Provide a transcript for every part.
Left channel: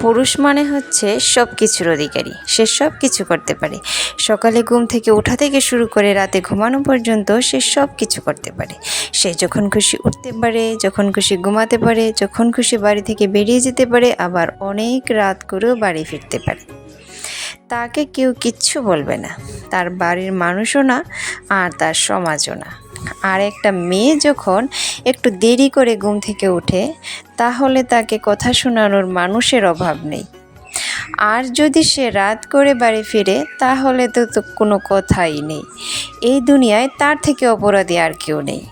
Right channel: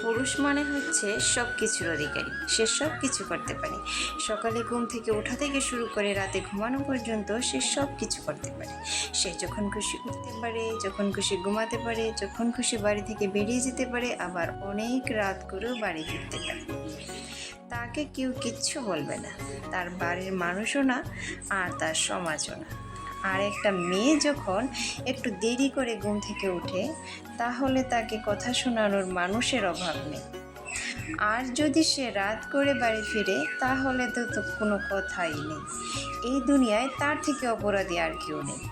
পুরুষ মানে হচ্ছে সব কিছুর অধিকারী। সে সব কিছু করতে পারে। সকালে ঘুম থেকে ওঠা থেকে শুরু করে রাতে ঘুমানো পর্যন্ত সে সব কিছু করতে পারে। সে যখন খুশি উঠতে পারে, যখন খুশি ঘুমাতে পারে, যখন খুশি বাড়ি থেকে বেরিয়ে যেতে পারে, আবার অনেক রাত করেও বাড়ি ফিরতে পারে। তাকে কেউ কিচ্ছু বলবে না, তার বাড়ির মানুষও না, আর তার সমাজও না। আর একটা মেয়ে যখন একটু দেরি করে ঘুম থেকে ওঠে, তাহলে তাকে কথা শোনানোর মানুষের অভাব নেই। আর যদি সে রাত করে বাড়ি ফিরে, তাহলে তো কোনো কথাই নেই। এই দুনিয়ায় তার থেকে অপরাধী আর কেউ নেই।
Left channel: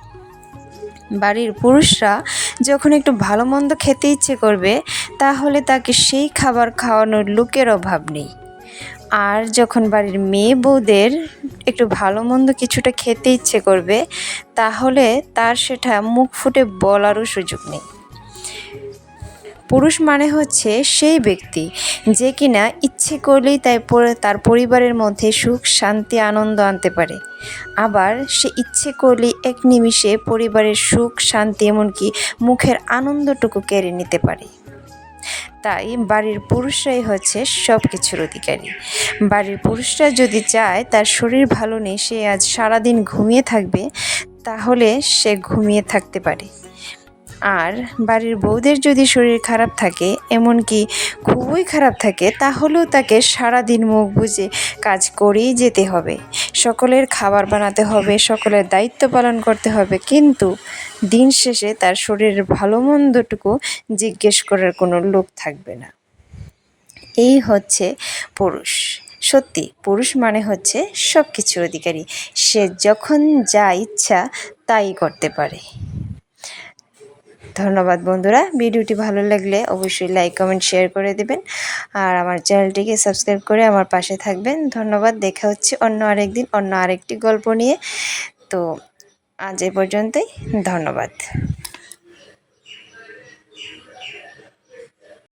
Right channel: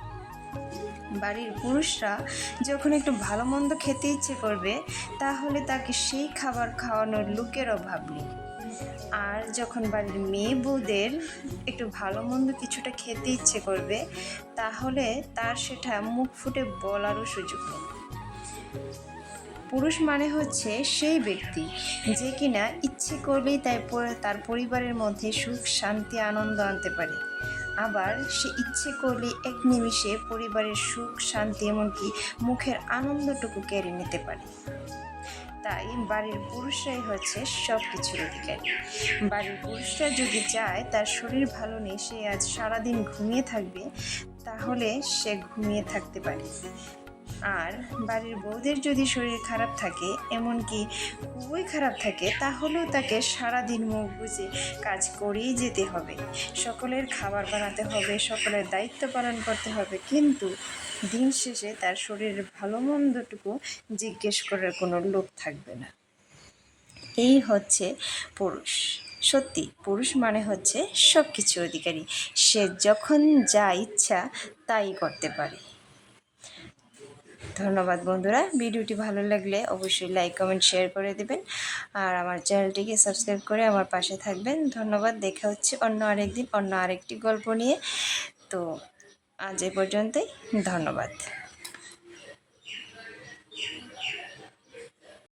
বাড়ির পুরুষরা যখন একটু ভালো মন্দ খেতে ইচ্ছে করবে, তাহলে তাকে সেই খাবার খাওয়ানোর লোকের অভাব নেই। আর যখন বাড়ির মেয়ে বউদের একটু ভালো মন্দ কিছুটা খেতে ইচ্ছে করবে, তাহলে তার সেটা মুখ ফুটে বলারও সুযোগ নেই। পুরুষ মানে হচ্ছে সেই ব্যক্তি যে কিনা ইচ্ছে করলেই তার পরিবারের মধ্যে সুখ শান্তি আনন্দ আনতে পারে। আবার সে ইচ্ছে করলেই এক নিমিষে পরিবারের সুখ শান্তি এমনকি মুখের আনন্দটুকু কেড়ে নিতে পারে। তাই বাড়ির পুরুষরাই হচ্ছে সব কিছুর অধিকারী। বাড়ির পুরুষরা যদি চায় তার শরীর ভালো নেই, সে আজ সারাদিন ঘুমিয়ে থাকবে, তাহলে সে ঘুমিয়ে থাকতে পারে। আর বাড়ির বউদের যদি শরীর খারাপ থাকে, এমনকি খুবই খারাপ থাকে, তাহলেও তাকে সারাদিন মুখ বুজে কাজ করেই যেতে হবে। সকলের খাবার বানাতে হবে, সকলের দায়িত্ব পালন করতে হবে, কিন্তু দিন শেষে তার শরীরের ভালো মন্দটুকু জিজ্ঞেস করার কোনো লোক থাকবে না। এই হচ্ছে পুরুষ। সত্যি পুরুষ মানে হচ্ছে সব কিছুর অধিকারী। সে যখন যা ইচ্ছা তাই করতে পারে। ধন্যবাদ বন্ধুরা। ভিডিওটি ভালো লাগলে অবশ্যই লাইক কমেন্ট শেয়ার করে দেবেন, আর আমার চ্যানেলটিকে সাবস্ক্রাইব করে আমার পাশে থাকবেন। ধন্যবাদ। দেখা হচ্ছে অন্য আরেকদিন অন্য আরেকটি গল্প নিয়ে। তো আজ এ পর্যন্তই। ধন্যবাদ।